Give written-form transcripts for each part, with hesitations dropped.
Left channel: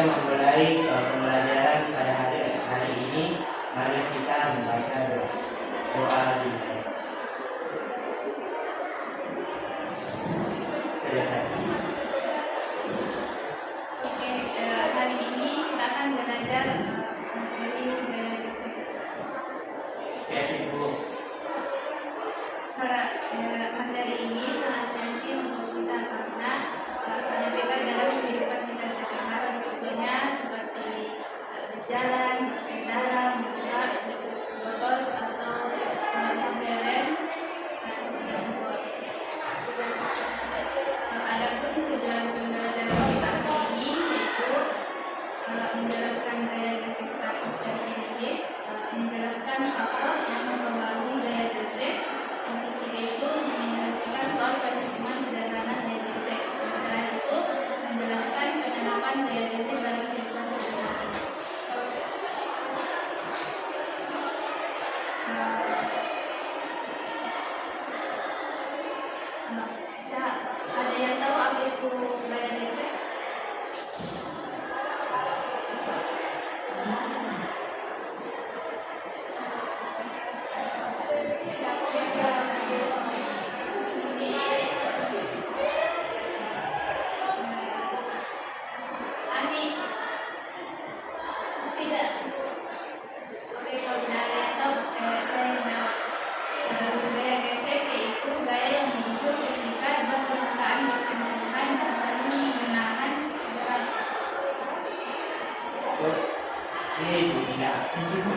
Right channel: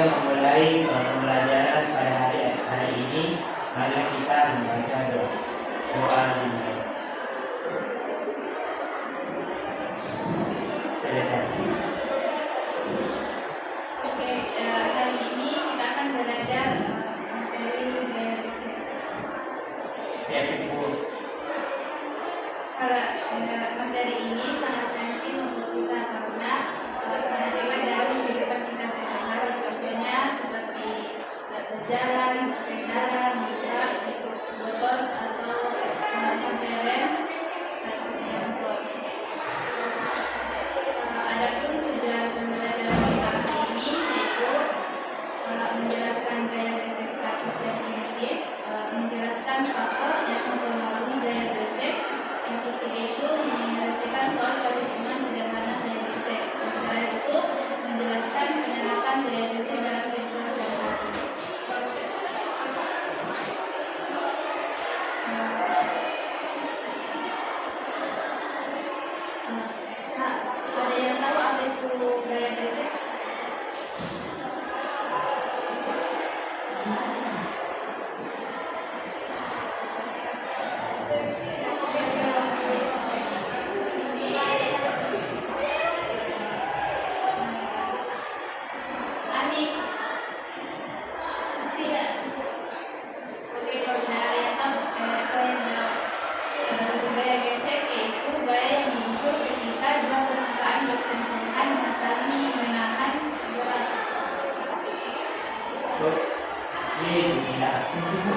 kita memulai pembelajaran pada hari ini, mari kita membaca doa dimulai. Selesai. Oke, hari ini kita akan belajar materi gaya gesek. Siap Ibu. Materi ini sangat penting untuk kita karena sangat dekat dalam kehidupan kita sehari-hari. Contohnya seperti berjalan, berkendara, juga ikut motor atau sampai rem seperti itu. Adapun tujuan pembelajaran kita hari ini yaitu menjelaskan gaya gesek statis dan kinetis, menjelaskan faktor yang mempengaruhi gaya gesek. Yang ketiga itu menyelesaikan soal perhitungan sederhana gaya gesek. Yang terakhir itu menjelaskan penerapan gaya gesek dalam kehidupan sehari-hari. Ada yang tahu apa itu gaya gesek? Gaya gesek yaitu gaya yang muncul ketika dua permukaan bersentuhan dan saling menahan gerak. Ini tidak absen Ibu.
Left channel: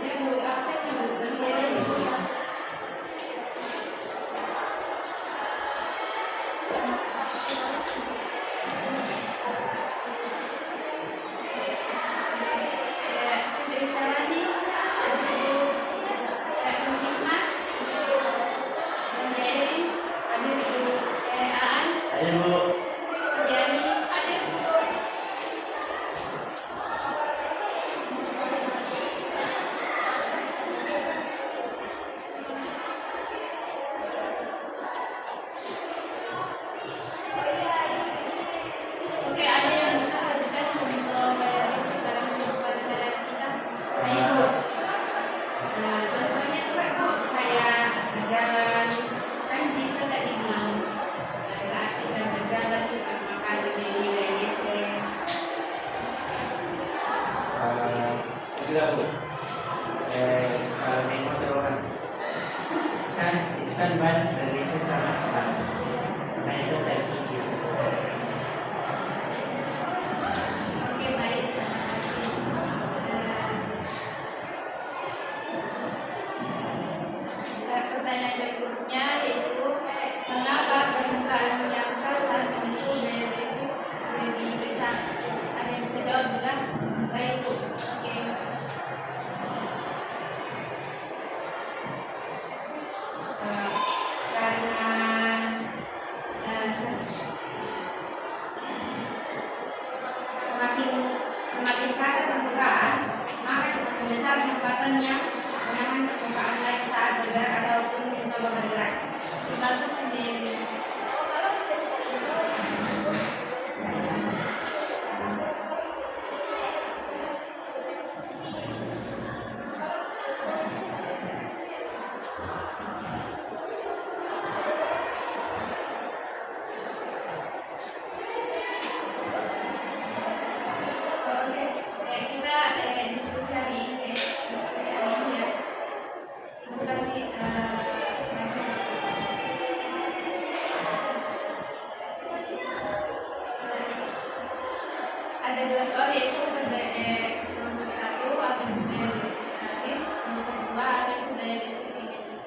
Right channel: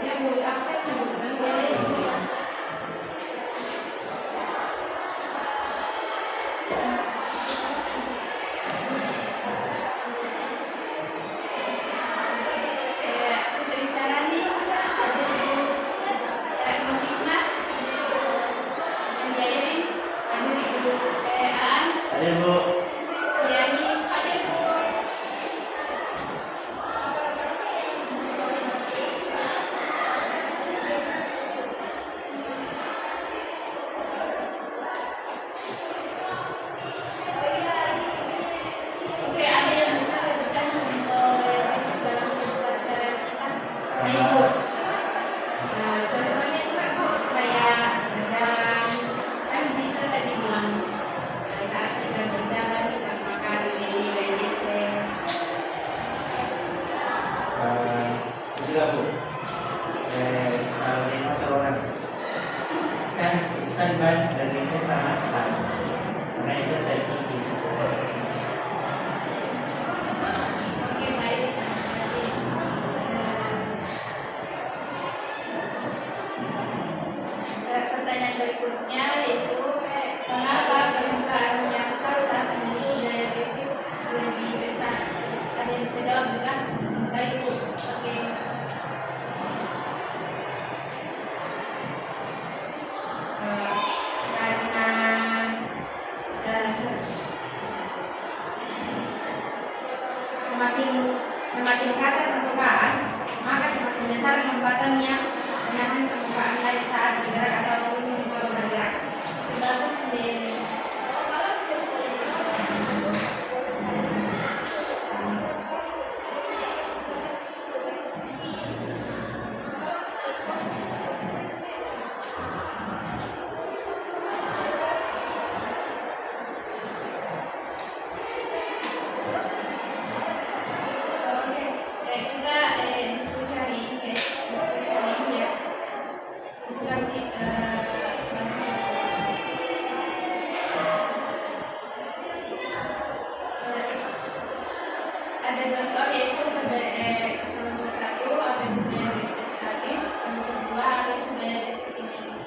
Ibu absen Ibu dan Putri Sarani, ada Ibu Muhikmat, dan Yairin, ada Ibu Aan, Ada Bu. Yani, ada Ibu. Oke, ada yang bisa sebutkan contoh gaya gesek dalam kehidupan sehari-hari kita? Ibu. Contohnya itu kan Bu, kayak berjalan, kan bisa tadi bilang saat kita berjalan kita memakai dari gaya gesek. Sudah Bu. Kalau naik motor orang kan itu kan ban bergeser sama sekali. Karena itu terkikis. Oke, baik. Terima kasih. Pertanyaan berikutnya yaitu mengapa permukaan menyangkal saat memiliki gaya gesek lebih besar? Ada yang bisa jawab juga? Baik Bu. Oke. Karena semakin kasar permukaan, maka semakin besar hambatan yang menahan permukaan lain saat bergerak ataupun mencoba bergerak. Bagus sendiri. Oke, kita diskusi hari ini ya. Ibu kasih ada dua soal yaitu kelompok satu apa itu gaya gesek statis, kelompok dua apa itu gaya gesek kinetis.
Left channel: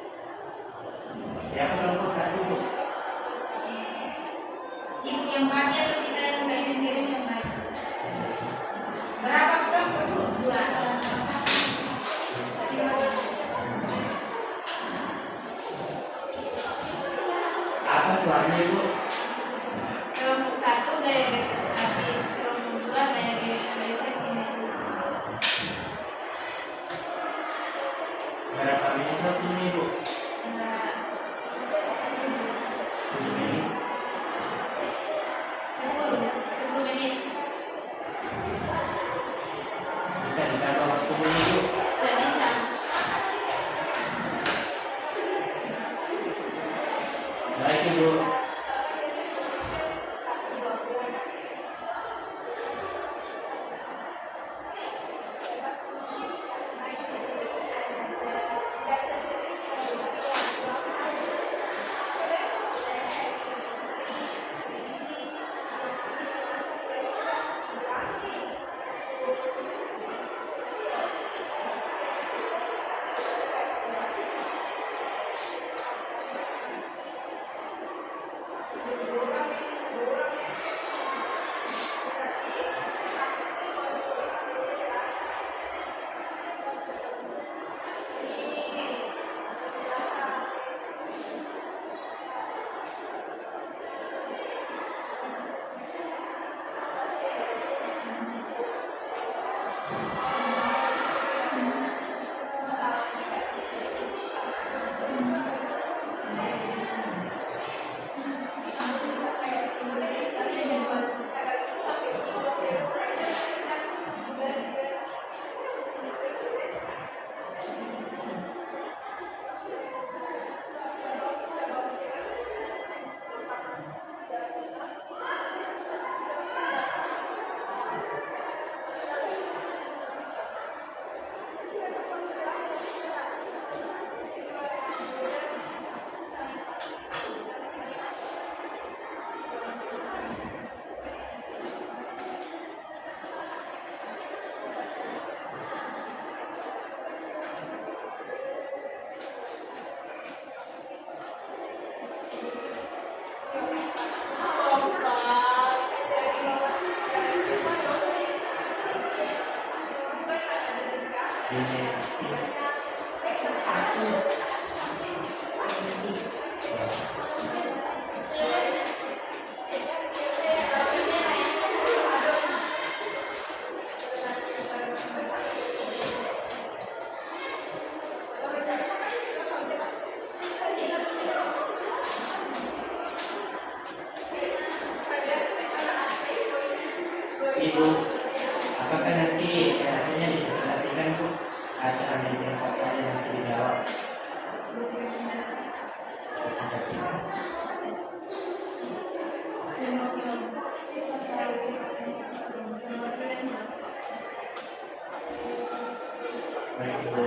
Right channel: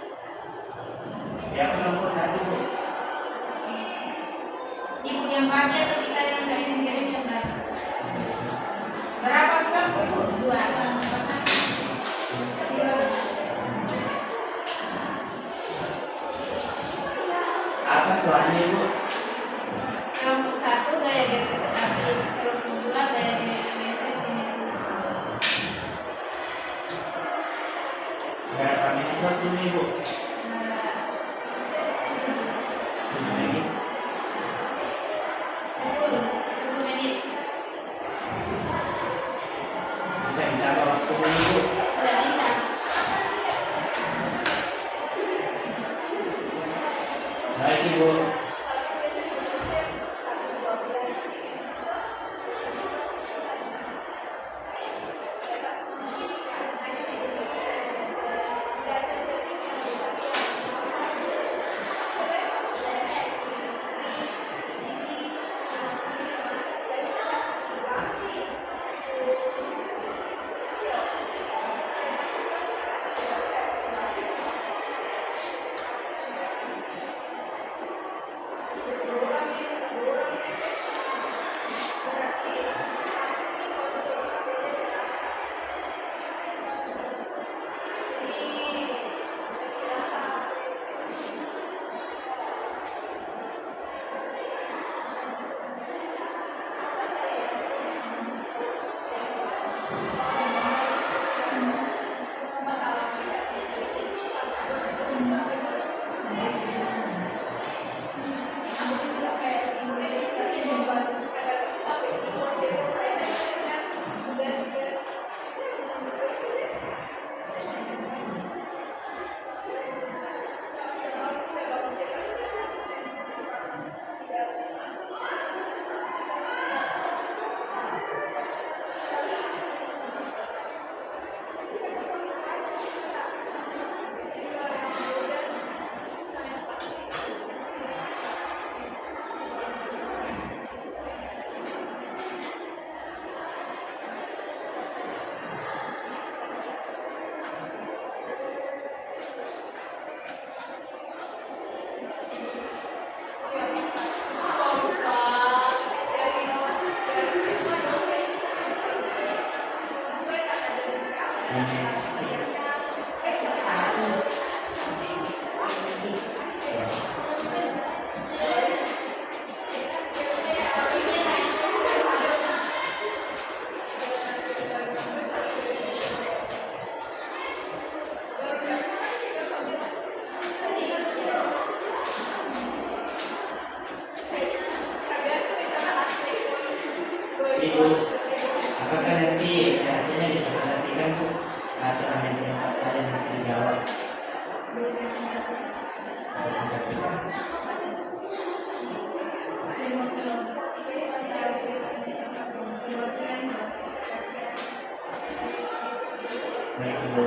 Siapa kelompok satu Bu? Ibu yang bagi atau kita yang dari sendiri yang bagi? Berapa kelompok Ibu? Dua. Apa soalnya Ibu? Kelompok satu gaya gesek statis, kelompok dua gaya gesek kinetis. Berapa menit waktunya Ibu? 7 menit. 10 menit. Bisa ditambah waktu dulu Ibu? Tidak bisa. Baik Ibu. Ibu, apakah nanti hasilnya dipresentasikan Bu? Acara meeting Pak saya nanti dijawab. Presentasikan. Baik Ibu.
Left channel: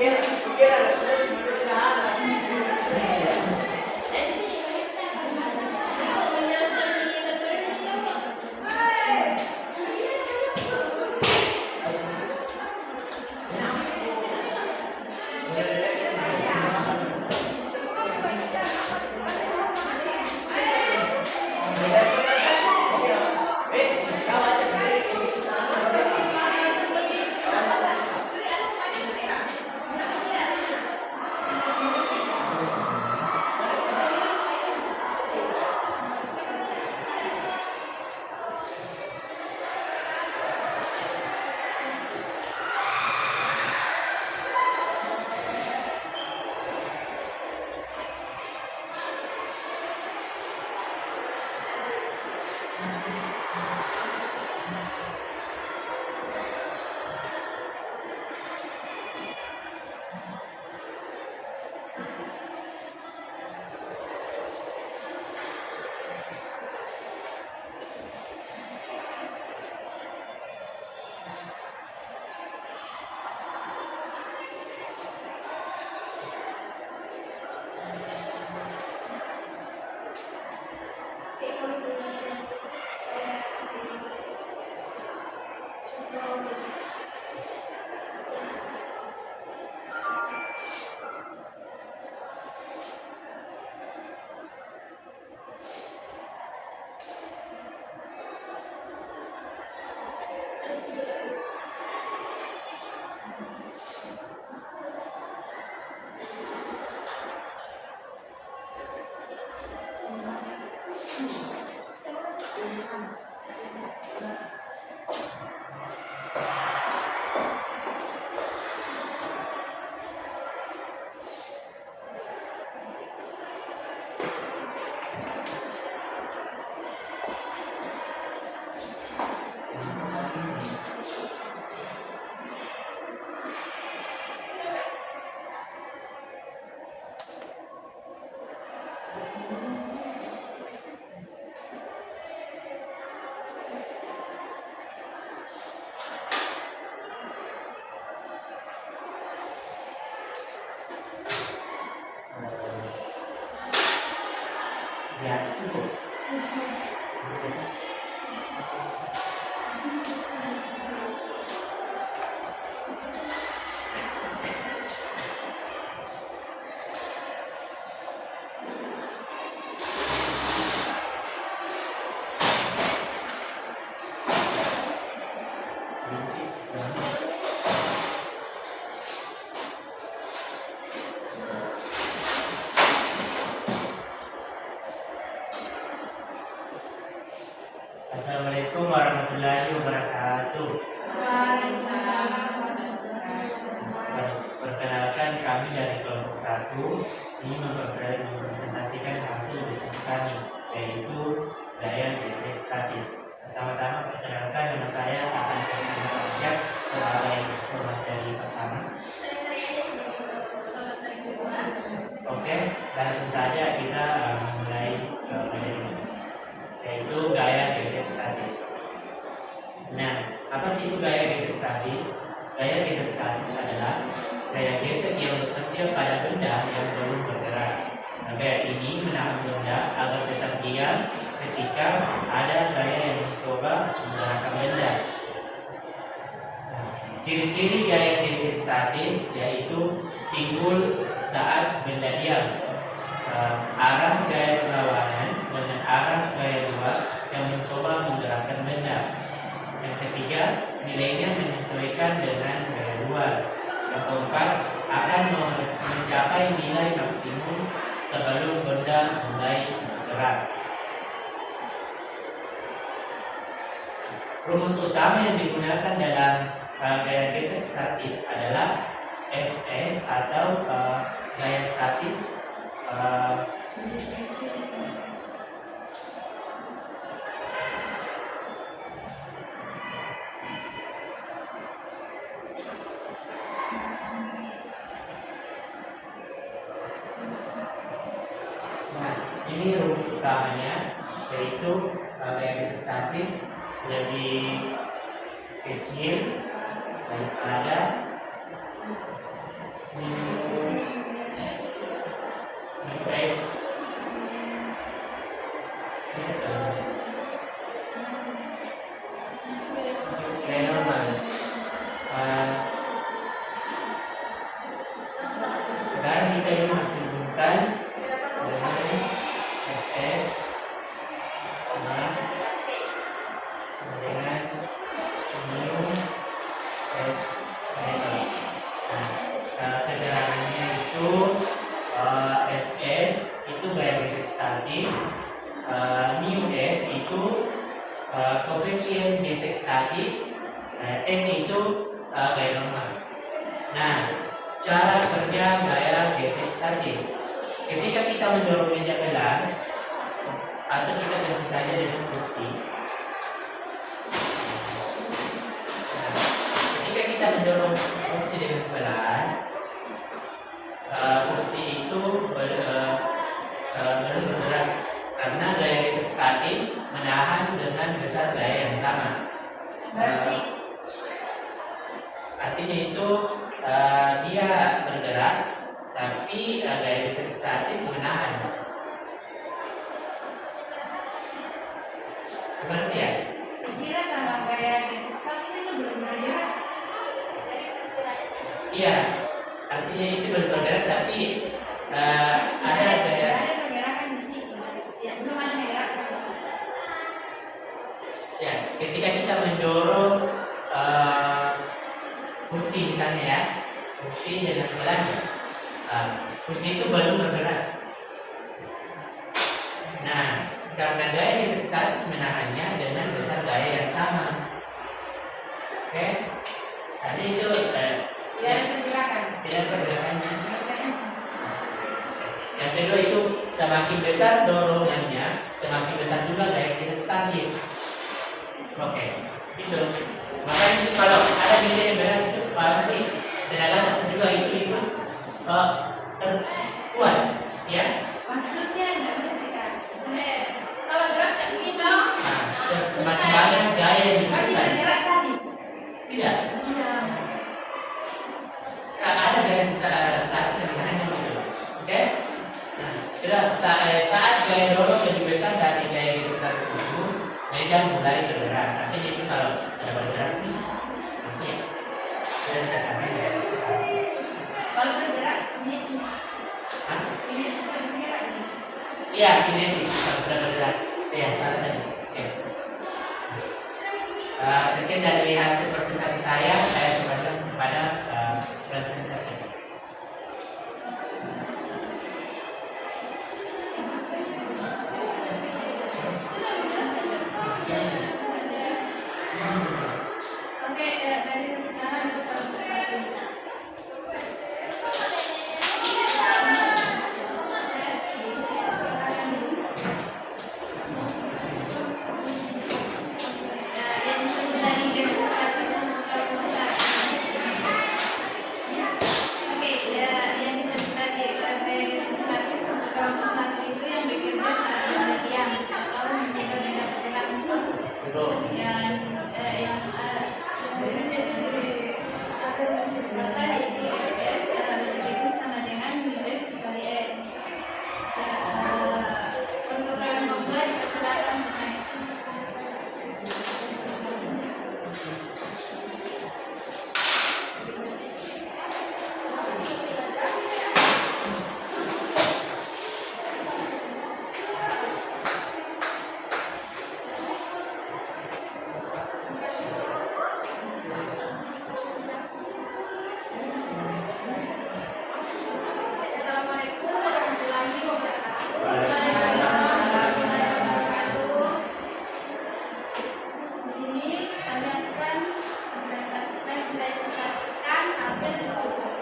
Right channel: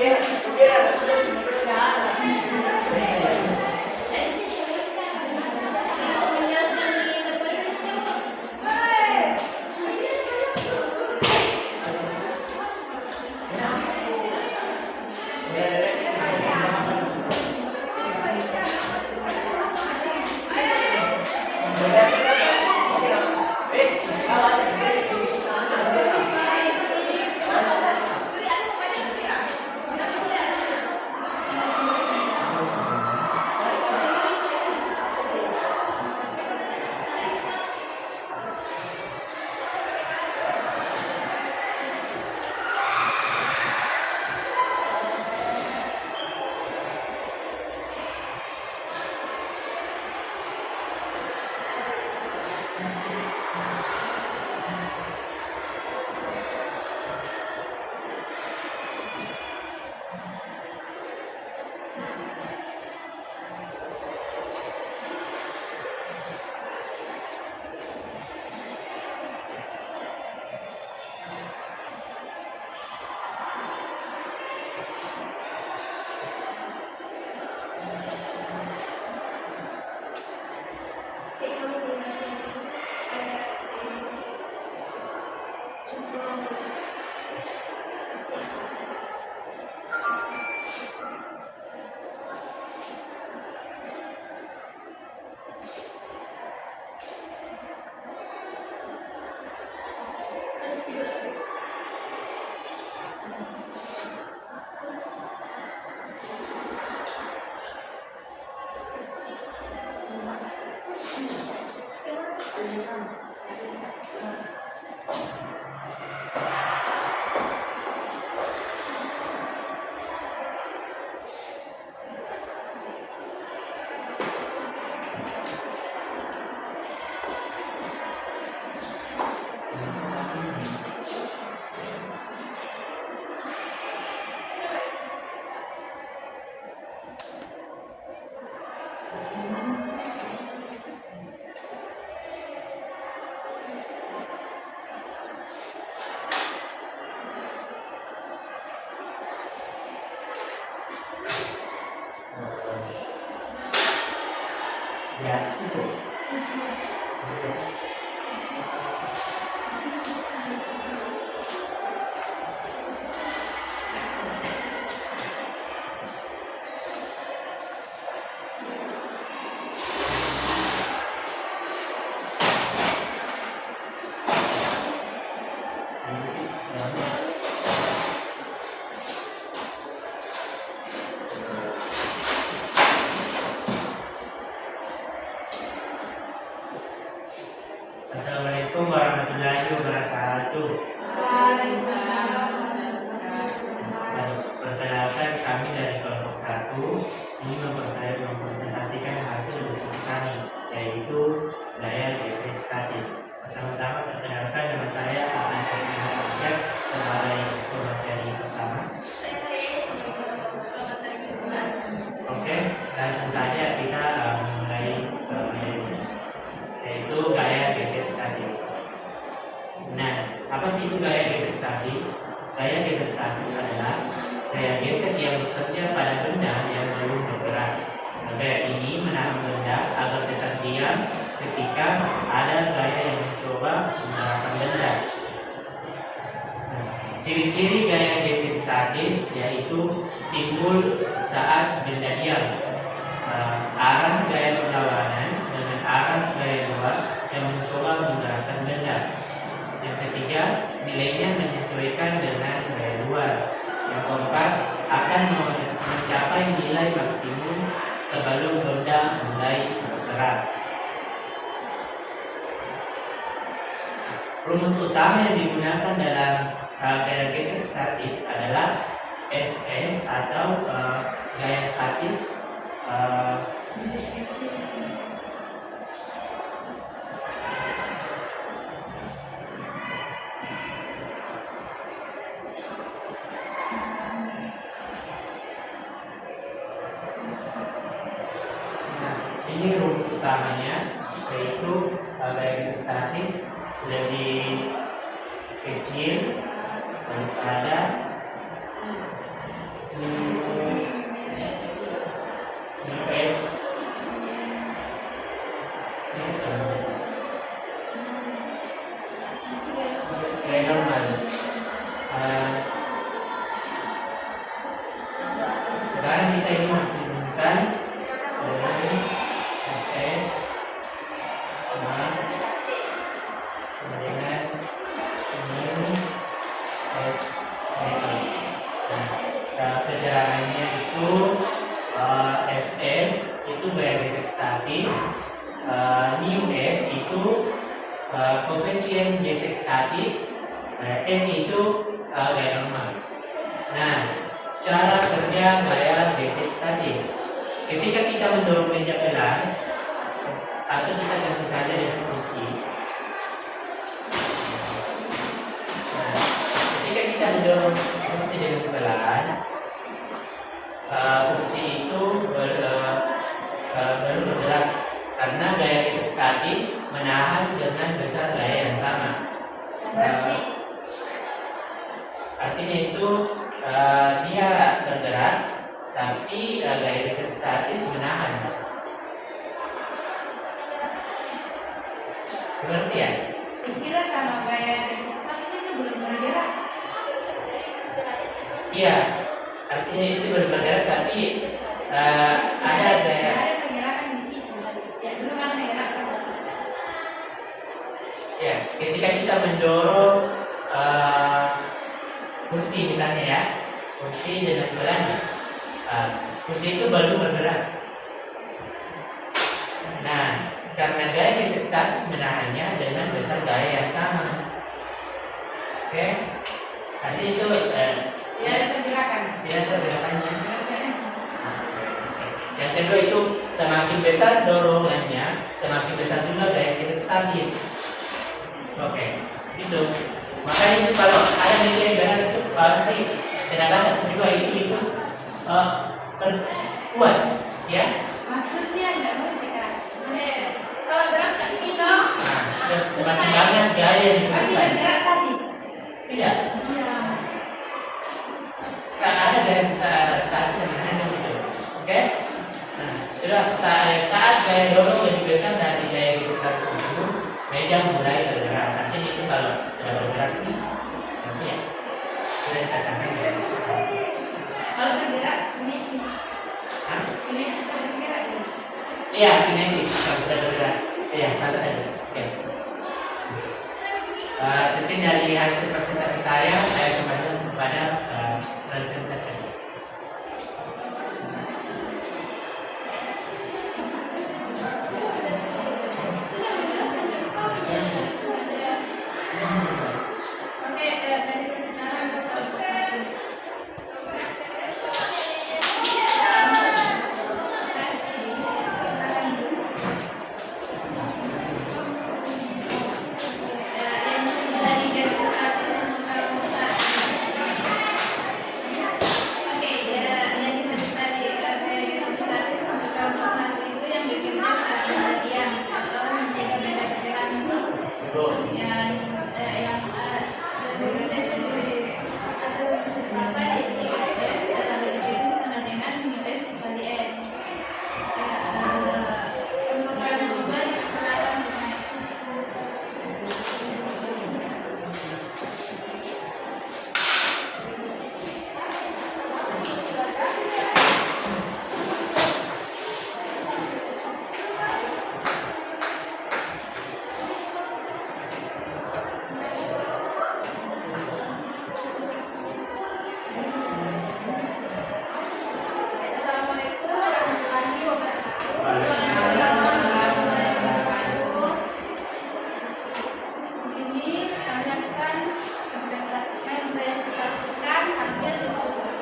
Oke. Dari sini kita ikut menjelaskan di metode kita. Ya, di situ. Assalamualaikum warahmatullahi wabarakatuh. Baik, perkenalkan kami dari kelompok 1 ini mempresentasikan hasil diskusi kami, yaitu daya gesek statis. Pertama-tama perkenalkan, nama saya Akan Kristina Arsyad sebagai pemateri pertama. Saya hari ini sebagai pemateri kedua. Oke, langsung saja kita mulai ke materi, yaitu gaya gesek statis. Nah, apa sih itu gaya gesek statis? Gaya gesek statis adalah gaya gesek yang bekerja pada benda yang belum bergerak. Gaya ini menahan benda agar tetap diam ketika ada gaya yang mencoba menggerakkan benda. Nah, ciri-ciri gaya gesek statis yaitu timbul saat benda diam, arah gaya berlawanan dengan arah gaya luar yang mencoba menggerakkan benda. Yang ketiga, nilainya menyesuaikan dengan gaya luar. Yang keempat, akan mencapai nilai maksimum sebelum benda mulai bergerak. Rumus utama yang digunakan dalam gaya gesek statis adalah Fs atau gaya statis ini rumus utamanya, yaitu gaya gesek statis lebih kecil daripada disamakan dengan fs max sama dengan mu s ini. Nah, keterangannya itu fs itu gaya gesek statis, mu s itu koefisien gesek statis, m itu gaya normal. Nah, cara kerja gaya gesek statis. Ketika kita mendorong meja pelan atau kita tentu saja dengan kursi. Nah, ketika kita mendorong kursi dengan pelan, kursi itu baru bergerak karena gaya gesek statis menahan dengan besar gaya yang sama. Artinya itu dia bergerak tapi gaya gesek statis menahan. Berarti ya? Kira kalau gaya gesek statis itu belum bergerak. Iya, artinya itu bergerak tapi ada gaya. Ada pergerakan di situ. Ya, belum ada pergerakan. Ya, ketika kita mendorong kursi misalnya ya, kursi dengan pelan, kursi itu baru bergerak. Nah, karena gaya gesek statis menahannya dengan besar gaya yang sama. Oke, nanti itu Ya, ada pergerakan. tidak ada gerakannya. Yang kedua itu semakin besar dorongannya, semakin besar juga gaya gesek statis. Oke, itu. Makanya itu kalau ada meja yang benar itu pasti tenaga satu juga itu terkuat, ya. Maksudnya enggak bergerak. Kalau gerak kayak gini dong. Nah, semakin banyak gaya yang Berarti dibutuhkan. bergerak statis. Tidak, Iya. ada gaya statis yang hanya itu. Oke? Nah, sudah saat gaya dorong lebih besar dari gaya gesek statis itu, meja mulai bergerak. Nanti itu kalau sudah bergerak ini, nanti ya sudah dikatakan gaya gesek statis. Kalau bergerak ini Hah? ini bisa bergerak. Iya, kinetis kalau sudah bergerak. Iya, salah tadi. Oke. Sekian dari hasil presentasi saya kembali kepada presenter tadi. Sudah menjelaskan sudah. Oke, dari perkenalan kita yang sudah digasih Oke, yang disebut tadi gaya gesek statis untuk kelompok satu itu yang bekerja saat diam atau mencegah gaya bergerak. Yang bekerja itu di US kali dibagi sama dengan US kali M. Untuk yang global silakan. Assalamualaikum warahmatullahi wabarakatuh. Waalaikumsalam warahmatullahi wabarakatuh. Di sini kami akan mempresentasikan hasil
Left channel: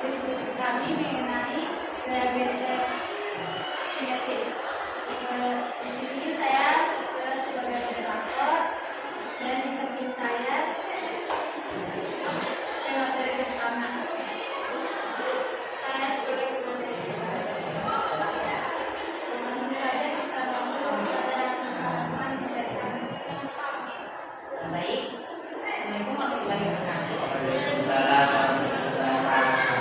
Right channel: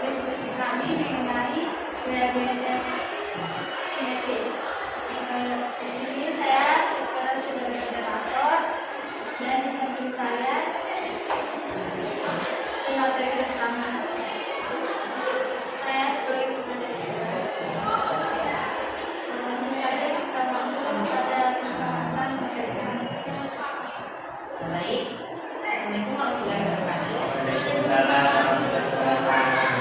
diskusi kami mengenai gaya gesek kinetis. Di sini saya berperan sebagai moderator dan di samping saya pemateri utama. Saya sebagai pemateri. Langsung saja kita masuk pada pembahasan materi kami. Baik. Assalamualaikum warahmatullahi wabarakatuh. Waalaikumsalam warahmatullahi wabarakatuh.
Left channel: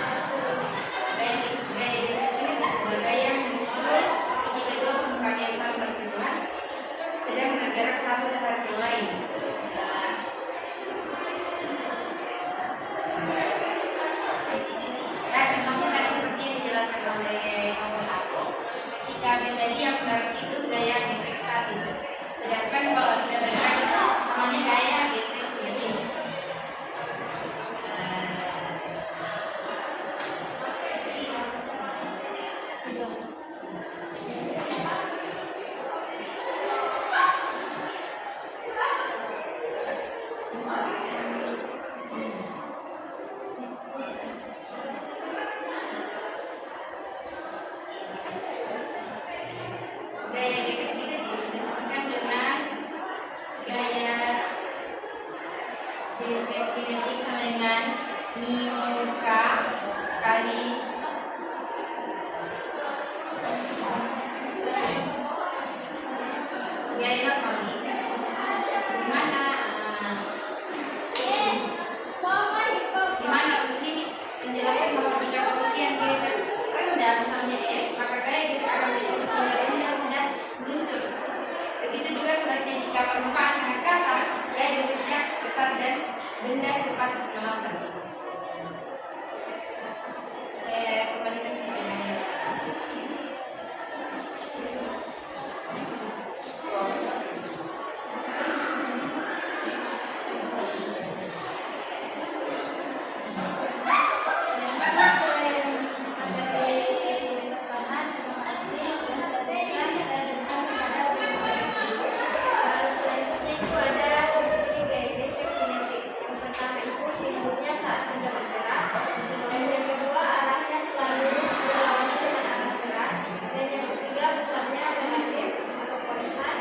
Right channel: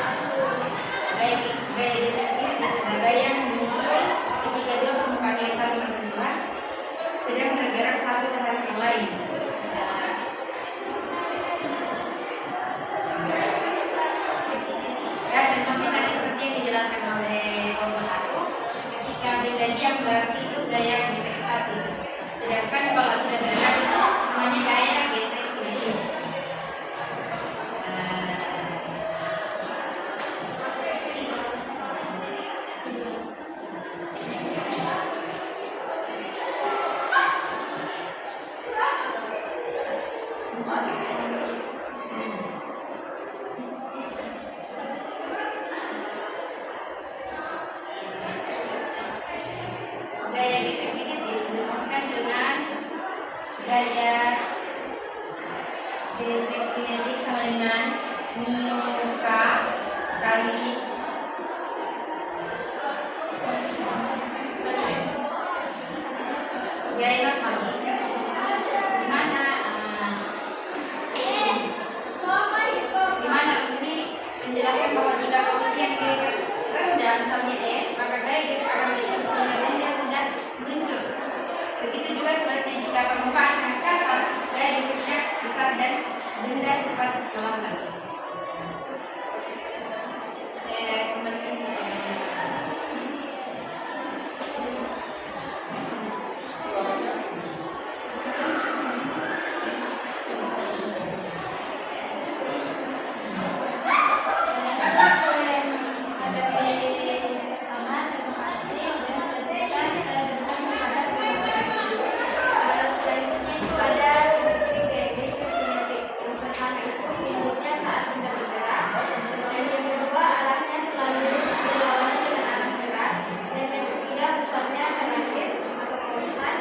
Gaya gesek kinetis adalah gaya yang muncul ketika dua permukaan yang saling bersentuhan sedang bergerak satu terhadap yang lain. Ya, contohnya tadi seperti yang dijelaskan oleh kelompok satu. Jadi yang berarti itu gaya gesek statis. Sedangkan kalau sudah berdekat itu namanya gaya gesek kinetis. Gaya gesek kinetis dirumuskan dengan gaya gesek kinetik sama dengan mu k kali gaya harmonik. Dimana di sini menjelaskan bahwa jika koefisien gesek rendah misalnya S, maka gaya gesek kinetik rendah mudah meluncur. Begitu juga sebaliknya jika permukaan sangat kasar, gaya geseknya besar dan benda cepat melambat. Saya kembalikan ke sini. Selanjutnya itu ada ciri-ciri gaya gesek kinetik. Yang pertama itu timbulnya saat benda bergerak. Dan yang kedua arahnya selalu berlawanan dengan arah gerak. Dan yang ketiga besarnya relatif atau konstan.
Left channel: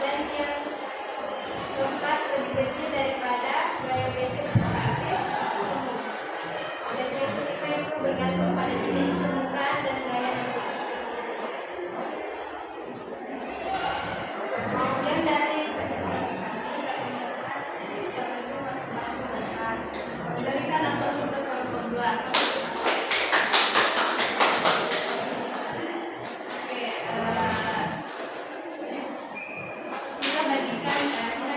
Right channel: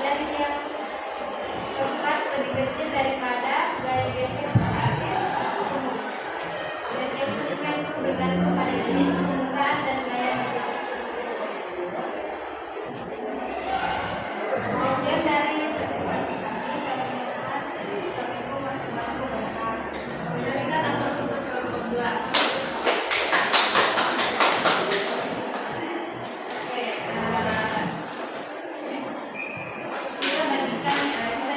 Dan yang keempat lebih kecil daripada gaya gesek statis semu. Dan yang kelima itu bergantung pada jenis permukaan dan gaya bentuk. Kemudian dari presentasi kami mengenai Assalamualaikum warahmatullahi wabarakatuh. Kemudian kita akan masuk ke kelompok 2. Oke, kita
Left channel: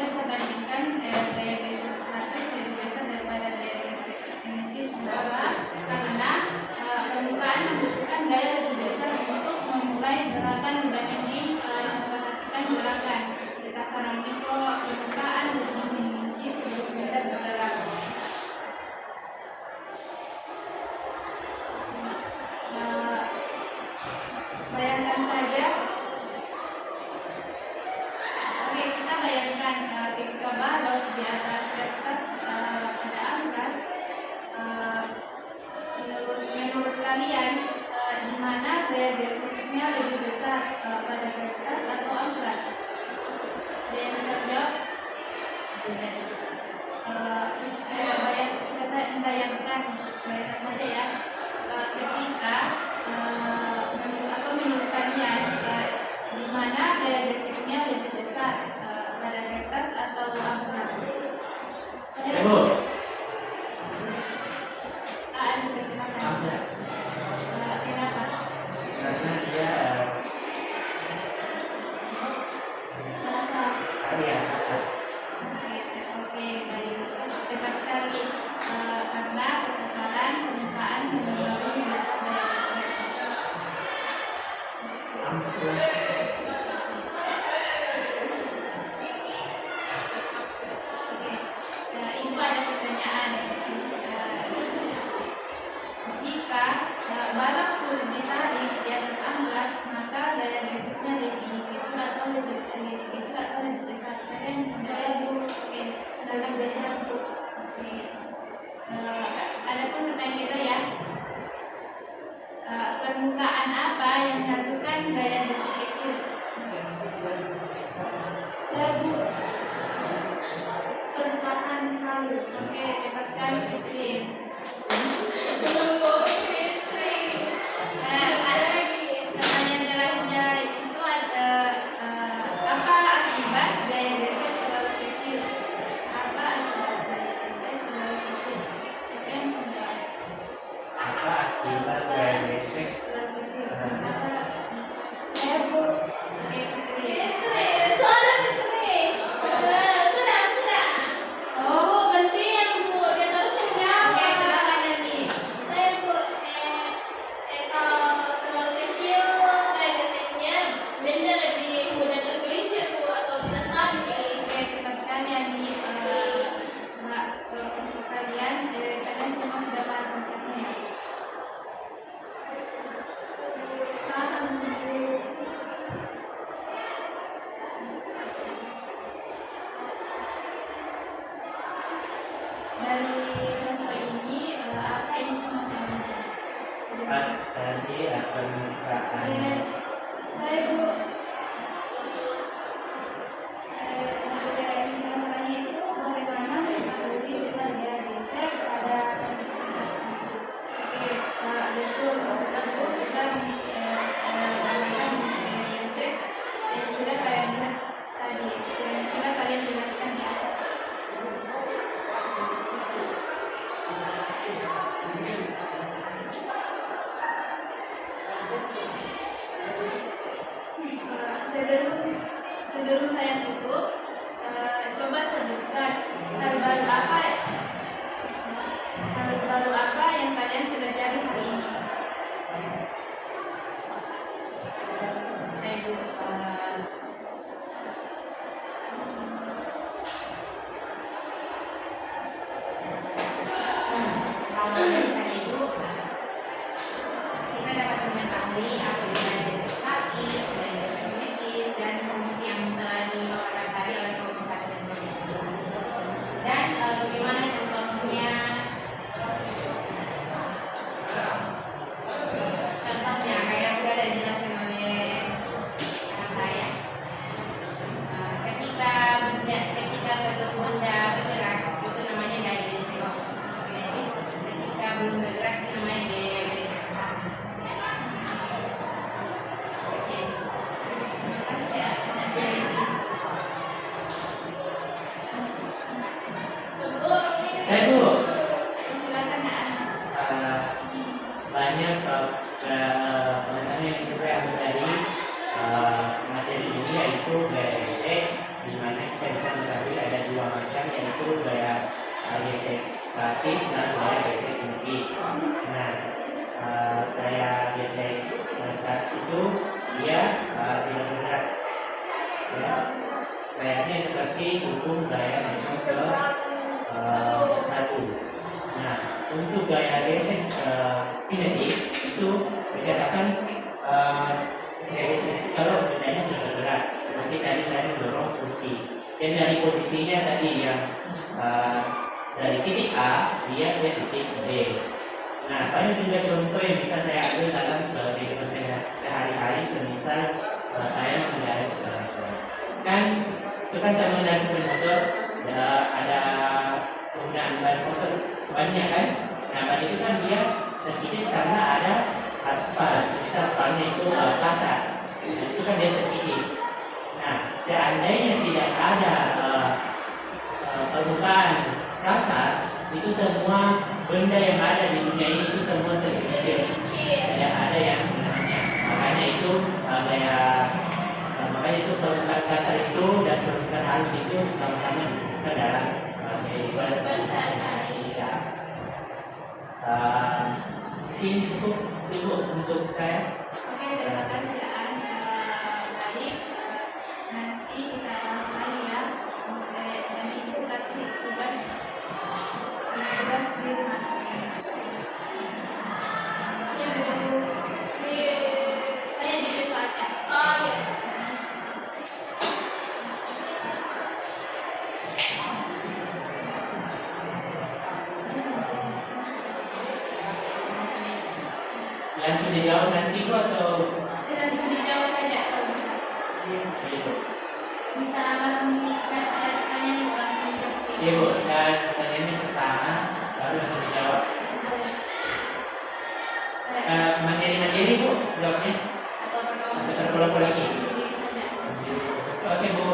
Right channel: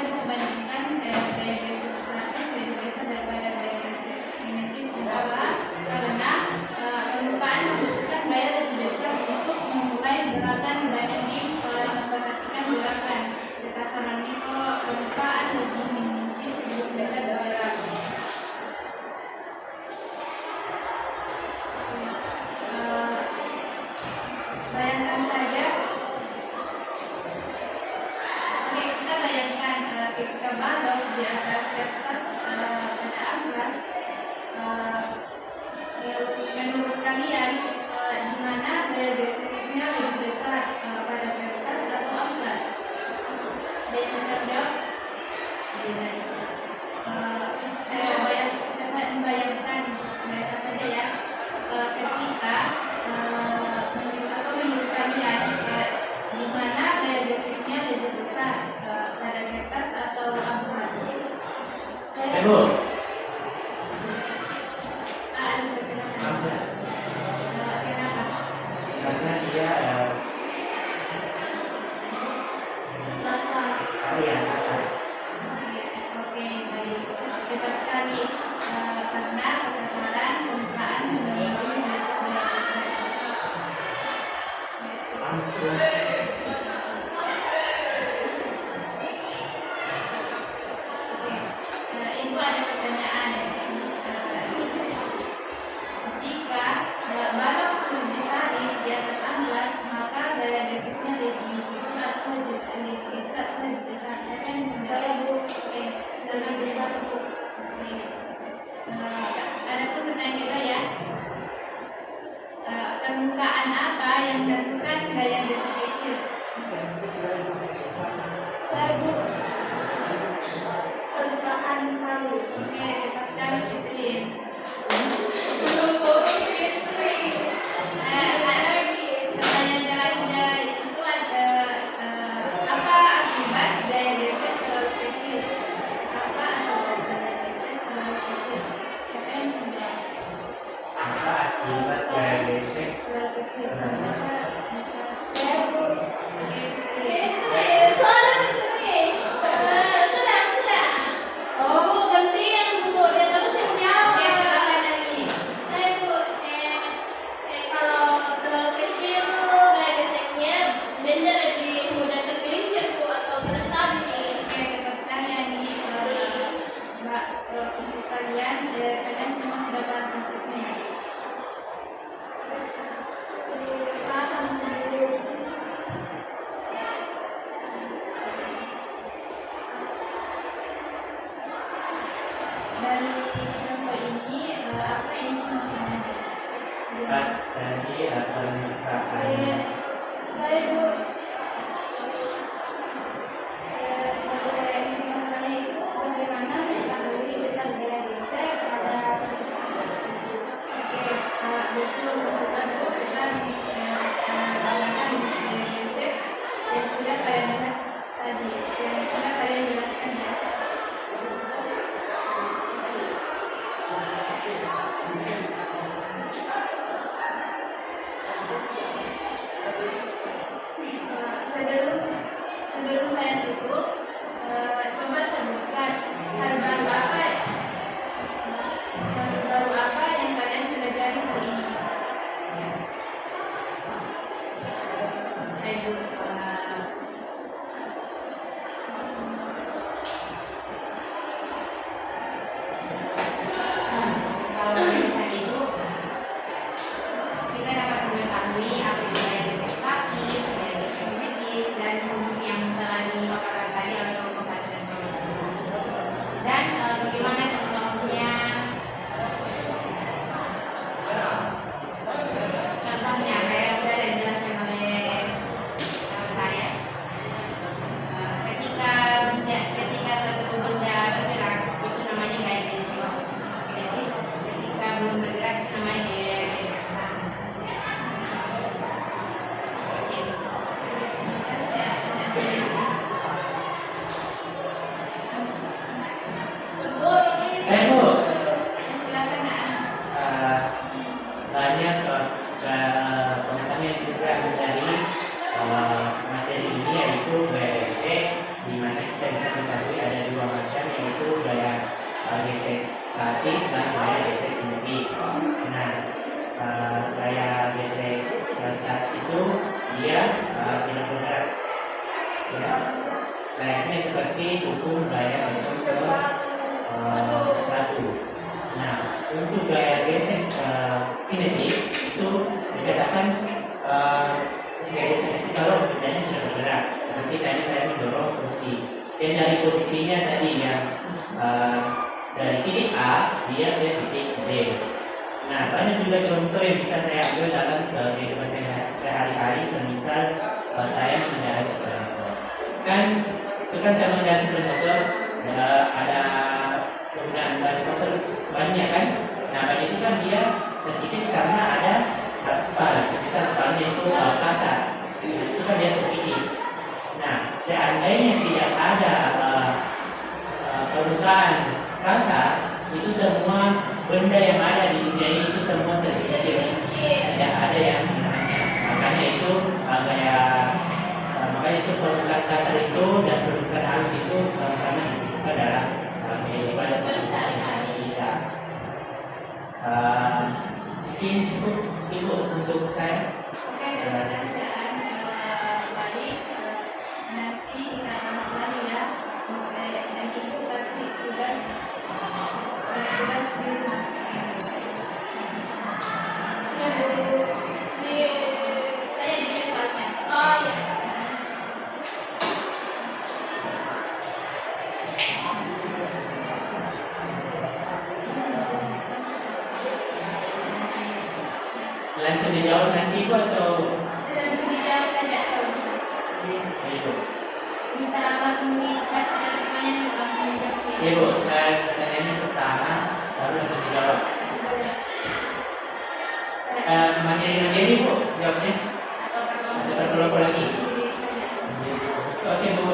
bisa bandingkan gaya gesek statis lebih besar daripada gaya gesek kinetis. Kenapa? Karena permukaan membutuhkan gaya lebih besar untuk memulai gerakan dibanding memperhatikan gerakan. Berdasarkan mikro permukaan lebih mengunci sebelum benda bergerak. Bayangkan saja. Oke, kita bayangkan ketika balok di atas kertas pada amplas. Menurut kalian di mana gaya geseknya lebih besar, pada kertas atau amplas? Ada yang bisa jawab? Beda. Bayangkan saja ya, ketika menurut kalian di mana gaya geseknya lebih besar, pada kertas atau amplas? Tunggu. Ada persilakan. Amplas. Kenapa? Karena dia Masa. kalian asal. Oke, baik. Tepat sekali. Karena kekerasan permukaan melalui dasar gaya gesek. Amplas. Oke, ibu ada pertanyaan. Jika balok sulit ditarik di atas amplas, maka gaya geseknya lebih kecil atau lebih besar? Siapa yang bisa jawab, Bu? Oke, dalam besar, Bu. Oke. Ada pun pertanyaan ya. Permukaan apa yang menghasilkan gaya gesek kecil? Bu. Permukaan halus. Oke, tepat sekali, Fitri. Pertanyaan jalan itu apa akibat gaya gesek terlalu kecil? Apa akibat gaya gesek terlalu kecil? Siapa yang bisa jawab? Apa akibat gaya gesek? Terlalu kecil. Saya Bu. Oke, Fitri. Oh, gantian Bu. Dia terus yang jawab. Oke, silakan Dani. Kalau terlalu kecil gaya geseknya tadi permukaan. Saya Bu. Sudah kalian jelaskan ya. Sebelum saya tutup, coba sebutkan hal baru apa yang kalian pelajari hari ini. Baik, Bu. Kalau dari saya itu kita dapat mengetahui apa itu gaya statis, gaya kinetis, dan fungsi yang telah dipaparkan tadi oleh Prof. dan dan bagaimana contohnya kayak sudah dijelaskan oleh saya. Ketika suatu benda bergerak itu namanya gaya kinetis. Ketika belum bergerak itu namanya gaya statis. Oke. Terima kasih ya. Saya Bu, Silakan Nak. banyak pengetahuan yang kita ambil dari materi ini, yaitu gaya gesek, di mana kita bisa mengetahui ada dua macam, yaitu gaya gesek statis dan gaya gesek kinetik. Nah, gaya gesek statis itu dia tidak bergerak, ya. Layaknya seperti hukum gaya gesek ke satu. Nah, untuk gaya gesek kinetik itu dikatakan gaya gesek itu kalau bendanya sudah bergerak, seperti tadi saya mendorong kursi, dan dari posisinya tadi yang dari titik A dia ke titik B. Nah, banyak juga contoh yang bisa saya ambil dalam kehidupan sehari-hari, semisal saya mengendarai sepeda motor. Kan itu kan saya mengendarai sepeda motor, ada penggunaan sepeda motor banyak kan. Nah, banyak itu kan dia terkikis karena ada aspal, sebisa aspalnya itu kasar. Nah, itu kan dia terkikis. Nah, seandainya tidak ada permukaan kasar, itu semua benda yang ada di dunia ini itu semua tergelincir. Tidak ada yang menahannya. Makanya itu makanya itu permukaan kasar itu dan permukaan halus itu sama-sama dibutuhkan dalam kehidupan sehari-hari kita. Mungkin cukup Ibu untuk saya. Oke, terima kasih. Baik, nanti kita akan lagi ya. Dan Ibu kasih tugas di rumah. Ya Bu, saya disesalkan. Oh ya. Langsung dijawab nanti Bu atau Langsung dijawab saja kalau bisa. Iya Bu. Bisa langsung dikasih pertanyaan langsung dijawab. Iya Bu, pertanyaannya pertama baru langsung dijawab. Mandiri Bu jawabnya Atau atau berkelompok lagi? Mandiri saja. Oke Bu.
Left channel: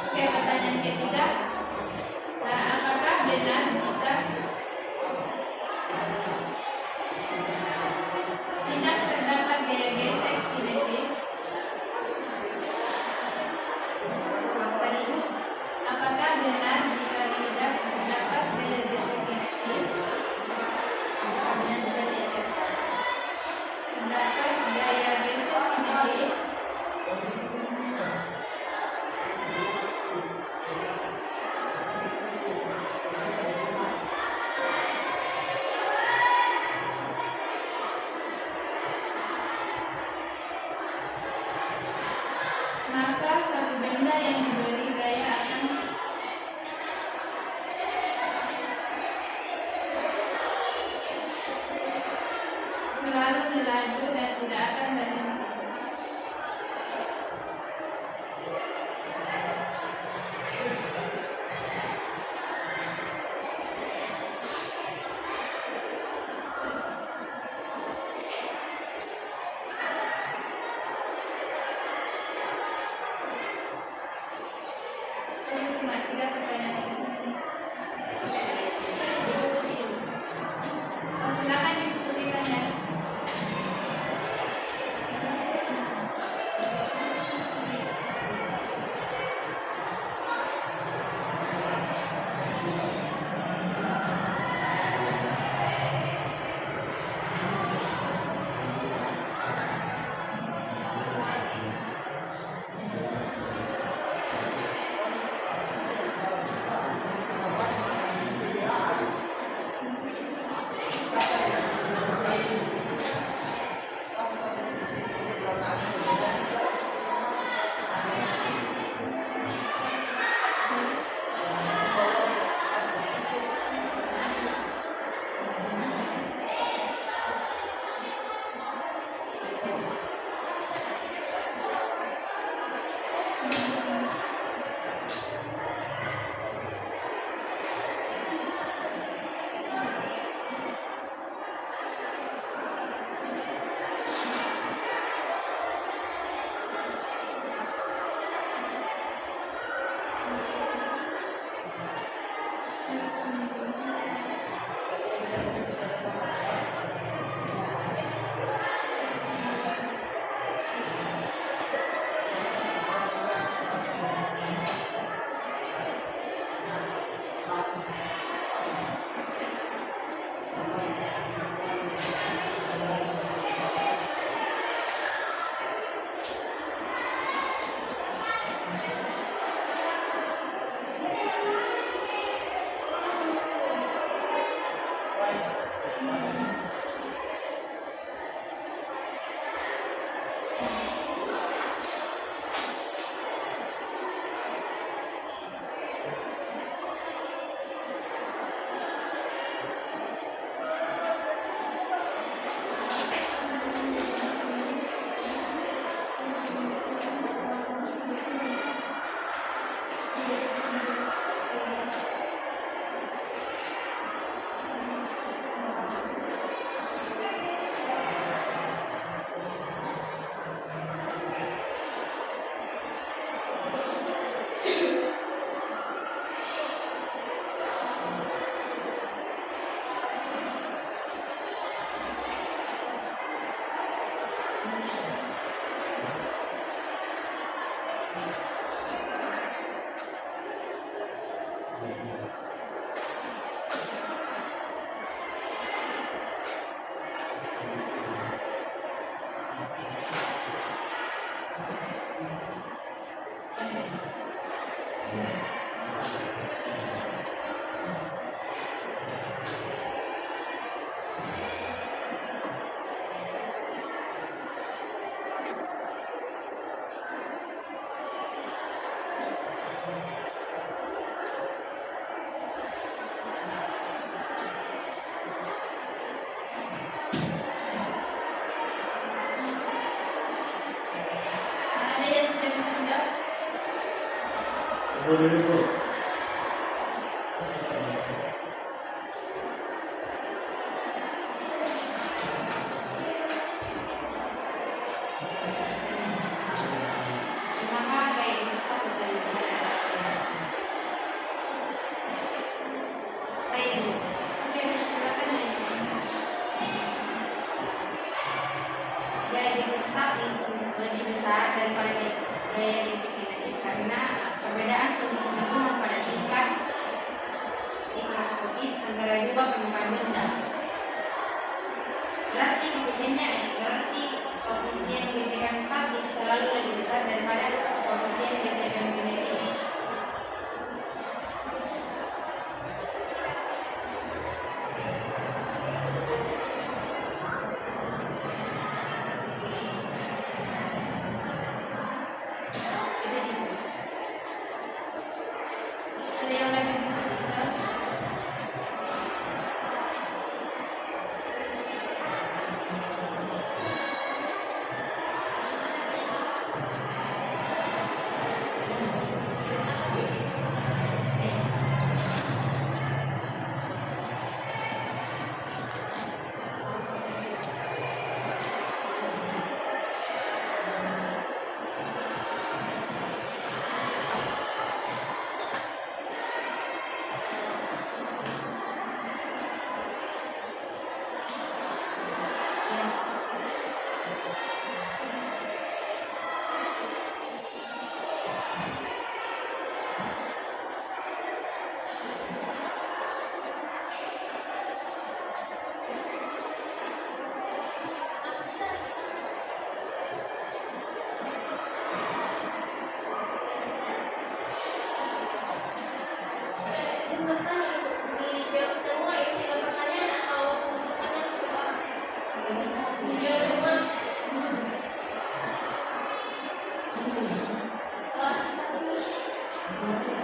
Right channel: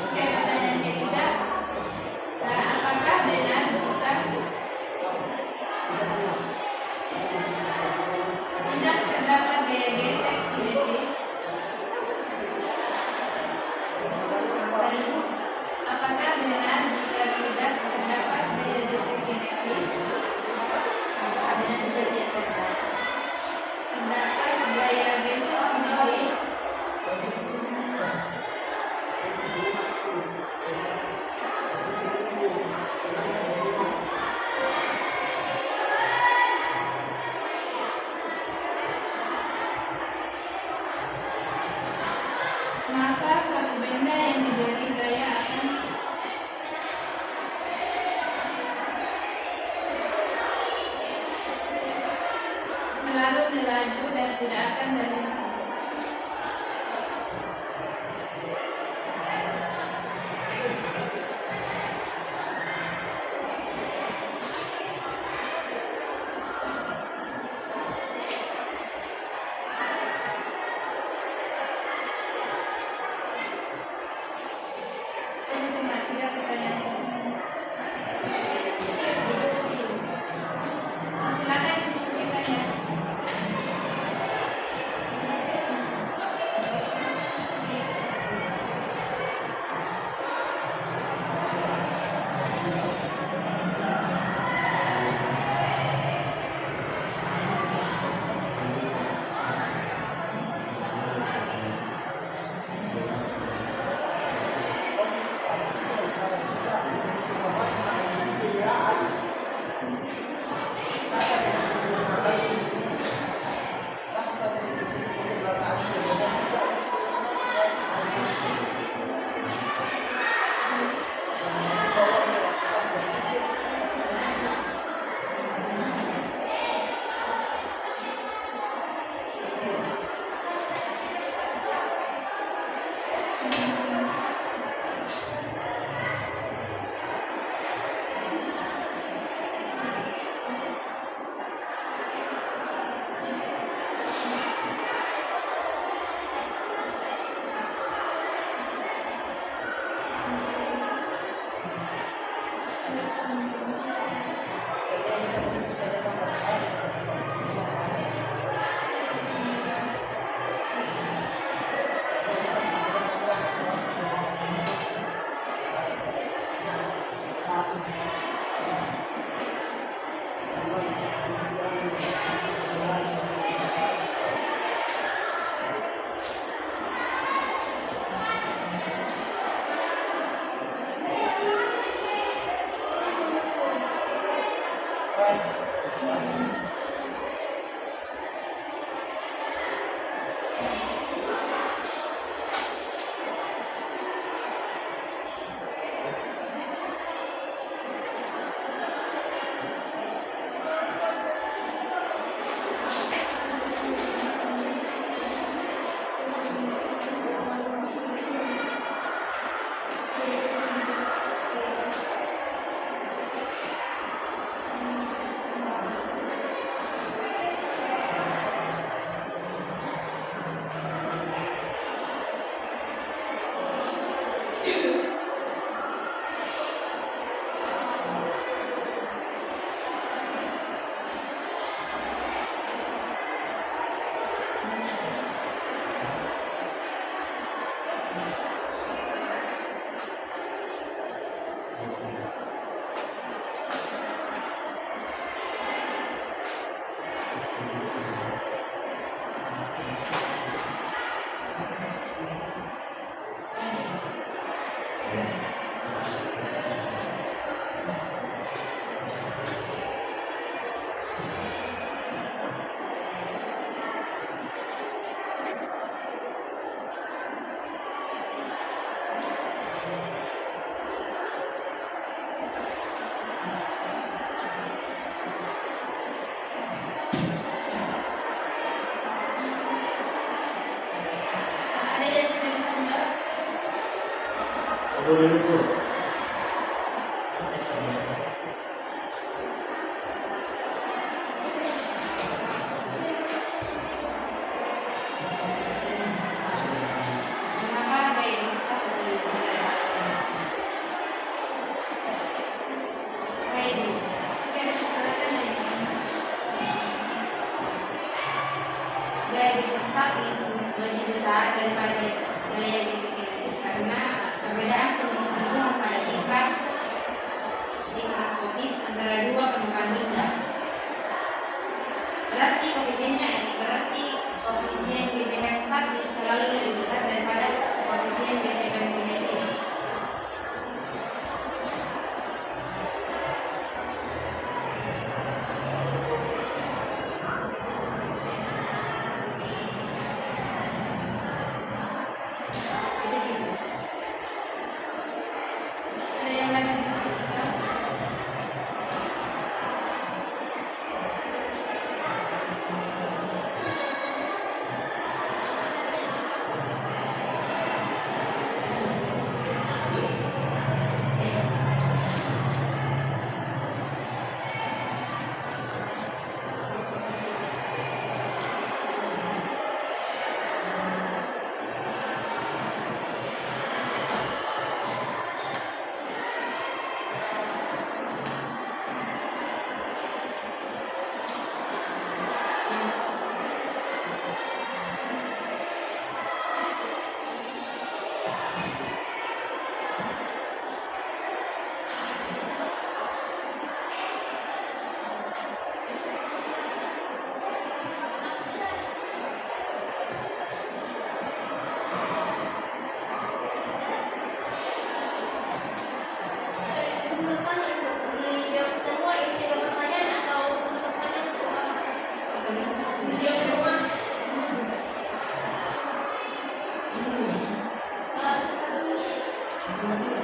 Oke, pertanyaan ketiga. Nah, apakah benar jika tidak terdapat gaya gesek kinetis? Apakah benar jika tidak terdapat gaya gesek kinetis? Apakah benar juga tidak Terdapat gaya gesek kinetis? Maka suatu benda yang diberi gaya akan selalu melaju dan tidak akan berhenti. Cuma 3 pertanyaan. diskusi dulu? Silakan diskusikan ya. dulu Bu. Kenapa gaya gesek bisa digunakan? Perbedaan kondisi umum pada tingkat mikroskopis antara dua penumpang benda. Berarti koefisiennya berarti koefisien gesekan statis selalu lebih besar daripada koefisien gesekan kinetis. Itu gitu. Ada yang lagi disebutkan? Bertanya dijawab semua itu tiga pertanyaan atau pertanyaan cuma dijawab semua? Satu.